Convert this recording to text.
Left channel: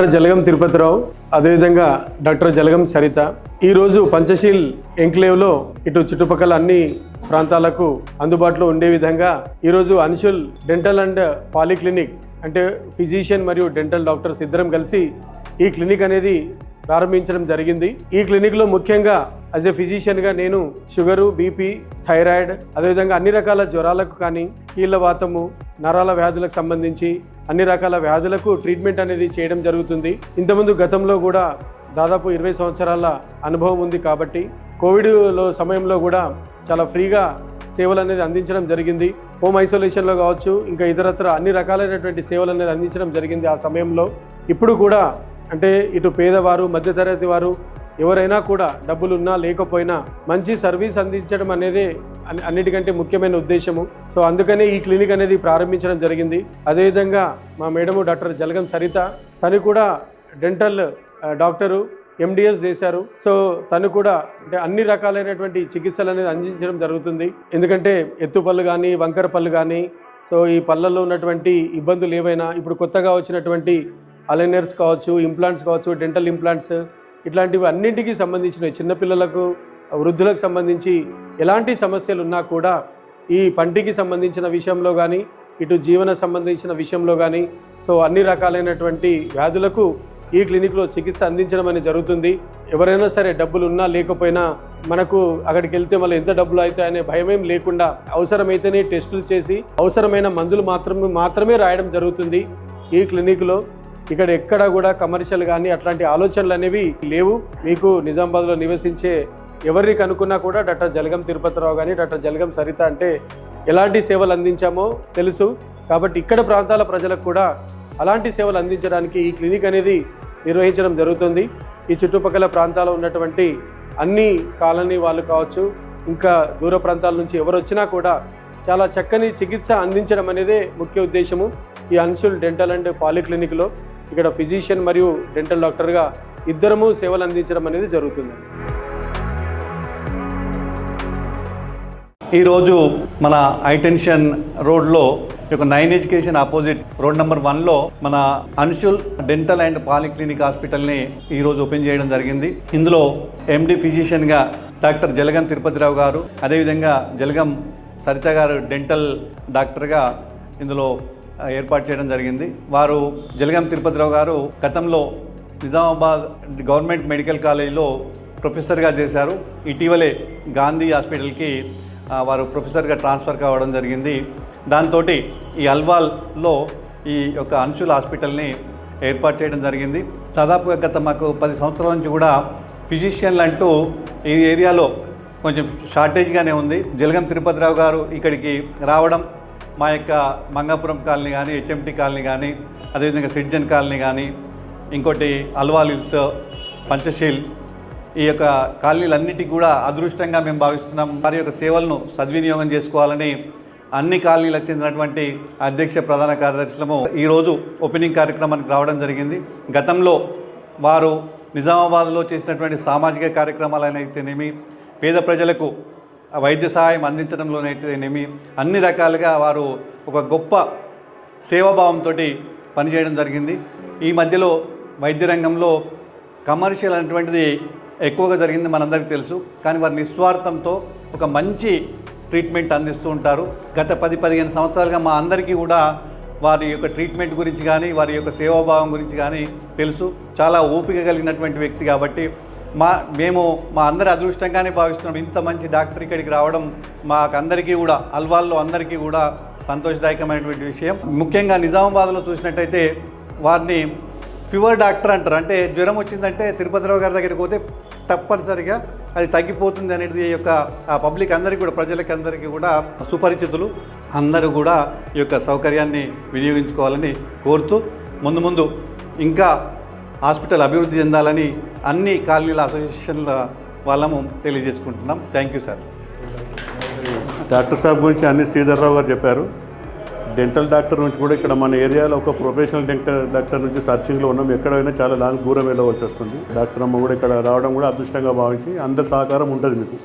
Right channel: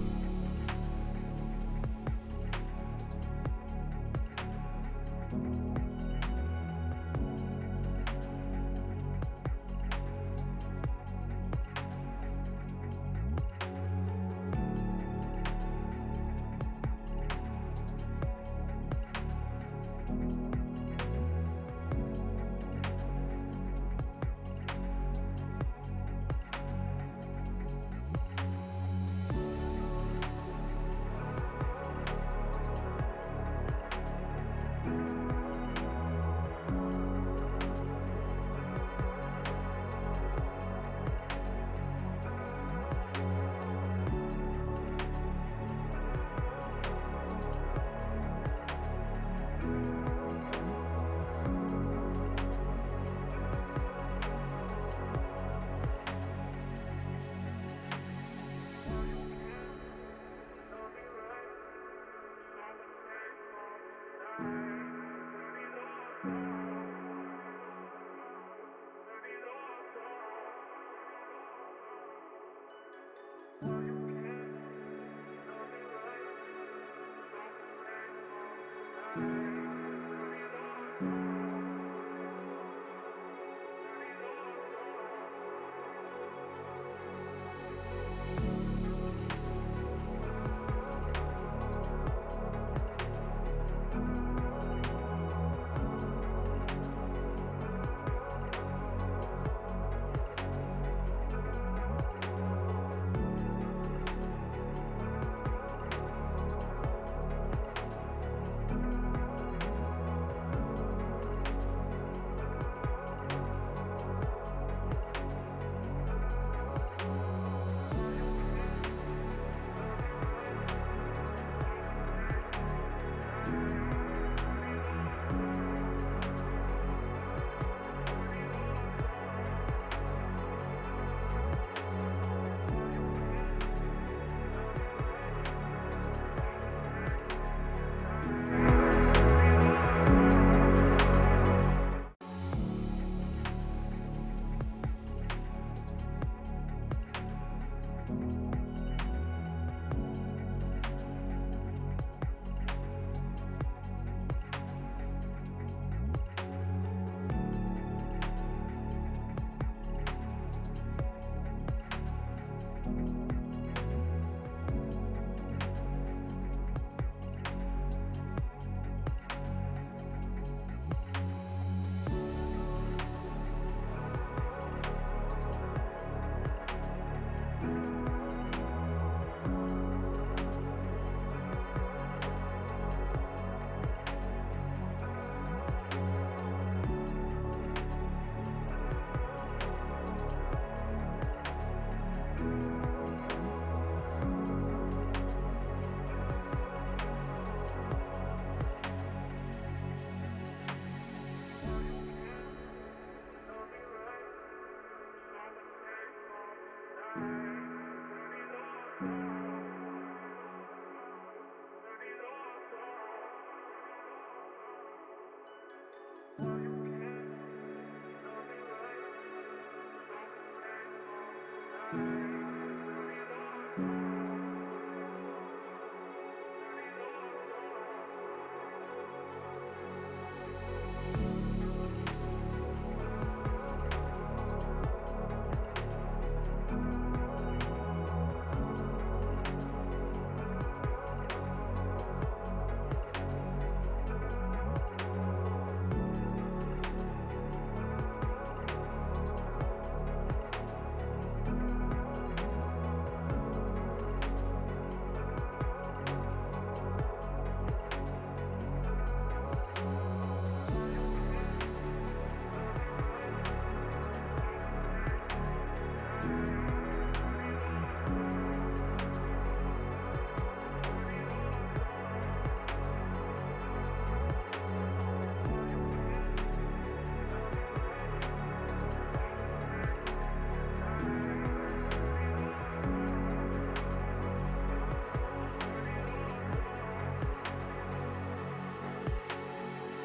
Doctor Jalagam Tirupathirao, అదేవిధంగా doctor Jalagam Saritha. ఈరోజు పంచశీల్ ఎంక్లేవ్లో ఇటు చుట్టుపక్కల అన్ని ప్రాంతాలకు అందుబాటులో ఉండే విధంగా ఈరోజు అన్షుల్ డెంటల్ అండ్ పాలిక్లినిక్ అంటే ఫిజిషియన్ మరియు డెంటల్ డాక్టర్స్ ఇద్దరం కలిసి ఈ క్లినిక్ అనేది ప్రారంభించడం జరిగింది. ఈ క్లినిక్లో ముఖ్యంగా యాజ్ ఎ ఫిజిషియన్గా నేను షుగరు, బీపీ, థైరాయిడ్, అదేవిధంగా అన్ని రకాల జ్వరాలకు కానీ కీళ్ళవాతము, నరాల వ్యాధులకు సంబంధించి అన్ని రకాల వ్యాధులకు ట్రీట్మెంట్ అనేది చేయడం జరుగుతుంది. ఇంతకుముందు గతంలో కూడా దాదాపు 20 సంవత్సరాల అనుభవం ఉంది కాబట్టి కోవిడ్లో సమయంలో కూడా చాలా ఫ్రీగా సేవలు అనేది అందించడం జరిగింది. హోమ్ ఐసోలేషన్లో కావచ్చు, ఇంకా ఇతరత్ర అన్ని రకాలైనటువంటి సేవలు అనేది అందించడం జరిగింది ఆ సమయంలో. ఇప్పుడు కూడా అంటే ఇటు పేదవారు, మధ్యతరగతి వారు ఎవరైనా కూడా డబ్బులున్నా లేకపోయినా మంచి సర్వీస్ అందించడం అనేది అన్నిటికంటే ముఖ్యమైన ఉద్దేశము. సో అందుకనే ఈ క్లినిక్ అనేది ప్రారంభించడం జరిగింది. అదేవిధంగా మా మేడము డాక్టర్ జలగం సరిత, తను కూడా డెంటల్ డాక్టరు, ఎండిఎస్ చేశారు. సో తను కూడా అంటే అన్ని రకాలైనటువంటి చికిత్సలు అనేది అందించడం జరుగుతుంది. ఎందుకంటే ఎత్తుపళ్ళు కానీ, వంకర పళ్ళు కానీ, సో ఈ పళ్ళల్లో ఉన్నటువంటి ఇబ్బందులు ఏవైనా ఇప్పుడు కొత్తగా వచ్చినటువంటి అలైనర్స్ కావచ్చు, ఇంప్లాంట్స్ కావచ్చు, డెంటల్ ఇంప్లాంట్స్ ఇట్లాంటివి అన్నింటికి సంబంధించిన చిన్నపిల్లలకు, వృద్ధులకు సంబంధించి ఎలాంటి సమస్యలు ఉన్నా కూడా ఈ పంటికి సంబంధించిన విషయంలో కానీ, ఇటు జీవన సంబంధించిన విషయంలో కానీ, సో అన్ని రకాలైనటువంటి వ్యాధులకు ఈ క్లినిక్లో చికిత్స అందించడం అనేది జరుగుతుంది. ఎవరైనా సరే డబ్బులు ఉన్నా లేకపోయినా మనకు అక్కడికి వెళ్తే మళ్ళీ ఎంత డబ్బులు అవుతాయనే భయమేం లేకుండా అవసరమైతేనే టెస్టులు చేసి అవసరమైన మందులు మాత్రమే రాయడం జరుగుతుంది ఈ క్లినిక్లో. ఇక్కడ ఎక్కడ కూడా కమర్షియల్ కానీ అట్లాంటి ఆలోచనలు అనేవి లేవు. మీకు నిజామాబాద్లో నివసించే ఎవరిని కనుక్కున్నా కూడా డాక్టర్ జలగం తిరుపతిరావు కానీ, డాక్టర్ జలగం సరిత అంటే ఎలాంటి సేవలు అందించామో తెలుసు. కాబట్టి ఇక్కడ ప్రాంతాల ప్రజలకు కూడా అలాంటి సేవలు అందించడానికి ఈ క్లినిక్ అనేది నిర్వహించడం జరుగుతుంది. ఈ చుట్టుపక్కల ప్రాంతాల్లో ఉన్నటువంటి అన్ని కాలనీ వాళ్ళు కావచ్చు, ఇంకా దూర ప్రాంతాల నుంచి ఎవరు వచ్చినా కూడా చాలా చక్కని చికిత్స అందించడం అనేదే ముఖ్య ఉద్దేశము. ఈ అన్షుల్ డెంటల్ అండ్ పాలిక్లినిక్లో ఇక్కడ ఫిజిషియన్ మరియు డెంటల్ డాక్టర్గా ఇద్దరము సేవలు అందించడం అనేది జరుగుతుంది. ఈరోజు మన హైటెన్షన్ రోడ్లో ఒక 9 ఎడ్యుకేషన్ ఆపోజిట్ రోడ్ నెంబర్ 1లో మన అన్షుల్ డెంటల్ అండ్ పాలిక్లినిక్ హాస్పిటల్ని ఈరోజు ఓపెన్ చేయడం జరిగింది. ఇందులో ఎండి ఫిజిషియన్గా డాక్టర్ జలగం తిరుపతిరావు గారు, అదేవిధంగా జలగం సరిత గారు డెంటల్ డాక్టర్గా ఇందులో ఏర్పాటు చేయడం జరిగింది. వారు జలగం తిరుపతిరావు గారు గతంలో నిజామాబాద్ గవర్నమెంట్ మెడికల్ కాలేజీలో ప్రొఫెసర్గా చేశారు. ఇటీవలే గాంధీ హాస్పిటల్కి వారు ప్రొఫెసర్గా ట్రాన్స్ఫర్ కావడం జరిగింది. దాంతో ఈ అల్వాల్లో ఈ యొక్క అన్షుల్ హాస్పిటల్ని ఏర్పాటు చేయడం జరిగింది. దాదాపుగా గత మాకు 10 సంవత్సరాల నుంచి కూడా ఫిజిషియన్లు అంటూ ఈ ఏరియాలో కొంచెం షార్టేజ్గానే ఉంది. జలగం తిరుపతిరావు గారు ఇక్కడికి రావడం, మా యొక్క మంగాపురం కాలనీ కానీ, హెచ్ఎంటీ కాలనీ కానీ, అదేవిధంగా సిటిజన్ కాలనీ కానీ, ఇంకోటి అల్వాల్ హిల్స్, పంచశీల్, ఈ యొక్క కాలనీలన్నిటికీ కూడా అదృష్టంగా మేము భావిస్తున్నాం. వారి యొక్క సేవలను సద్వినియోగం చేసుకోవాలని అన్ని కాలనీలకు చెందినటువంటి అధ్యక్ష ప్రధాన కార్యదర్శులము ఈరోజు ఓపెనింగ్ కార్యక్రమానికి రావడం జరిగింది. గతంలో వారు నిజామాబాద్లో చేసినటువంటి సామాజిక కార్యక్రమాలనైతేనేమి, పేద ప్రజలకు వైద్య సహాయం అందించడంలోనైతేనేమి అన్ని రకాలుగా వారు ఒక గొప్ప సేవాభావంతో పనిచేయడం జరిగింది. ఈ మధ్యలో వైద్య రంగంలో కమర్షియల్ అనేటువంటిది ఎక్కువగా జరిగింది మనందరికీ తెలుసు. కానీ వారి నిస్వార్థంతో ఒక మంచి ట్రీట్మెంట్ అందిస్తూ ఉంటారు. గత 10-15 సంవత్సరాలుగా మా అందరికీ కూడా వారి యొక్క ట్రీట్మెంట్ గురించి కానీ, వారి యొక్క సేవాభావం గురించి కానీ తెలుసు. చాలా ఓపిక కలిగినటువంటి వ్యక్తి కాబట్టి మేము మా అందరి అదృష్టంగానే భావిస్తున్నాం. ఇంత మంచి డాక్టర్ ఇక్కడికి రావడం మాకందరికీ కూడా, అల్వాల్లో అందరికీ కూడా సంతోషదాయకమైనటువంటి విషయం. ముఖ్యంగా నిజామాబాద్లో చూసినట్టయితే వారిని ఫీవర్ డాక్టర్ అంటారు. అంటే జ్వరం వచ్చిందంటే తిరుపతిరావు గారి దగ్గరికి పోతే తప్పనిసరిగా అది తగ్గిపోతుంది అనేది యొక్క పబ్లిక్ అందరికీ కూడా, ప్రజలకి అందరికీ కూడా సుపరిచితులు. అందరూ కూడా ఈ యొక్క సౌకర్యాన్ని వినియోగించుకోవాలని కోరుతూ ముందు ఇంకా హాస్పిటల్ అభివృద్ధి చెందాలని అన్ని కాలనీల అసోసియేషన్ల వాళ్ళము తెలియజేసుకుంటున్నాం. Thank you sir. డాక్టర్ సాబ్ గురించి అన్ని శ్రీధర్రావు గారు చెప్పారు. డెంటల్ డాక్టర్ నుంచి కూడా ఇక్కడ మన ఏరియాలో ఒక ప్రొఫెషనల్ డెంటల్ డాక్టర్ నుంచి సర్చింగ్లో ఉన్నాం. ఎక్కడైనా చాలా దూరం వెళ్ళవలసి వస్తుంది. డాక్టర్ అమ్మ కూడా ఇక్కడ రావడం కూడా అదృష్టంగా భావించి అందరి సహకారం ఉంటుంది మీకు.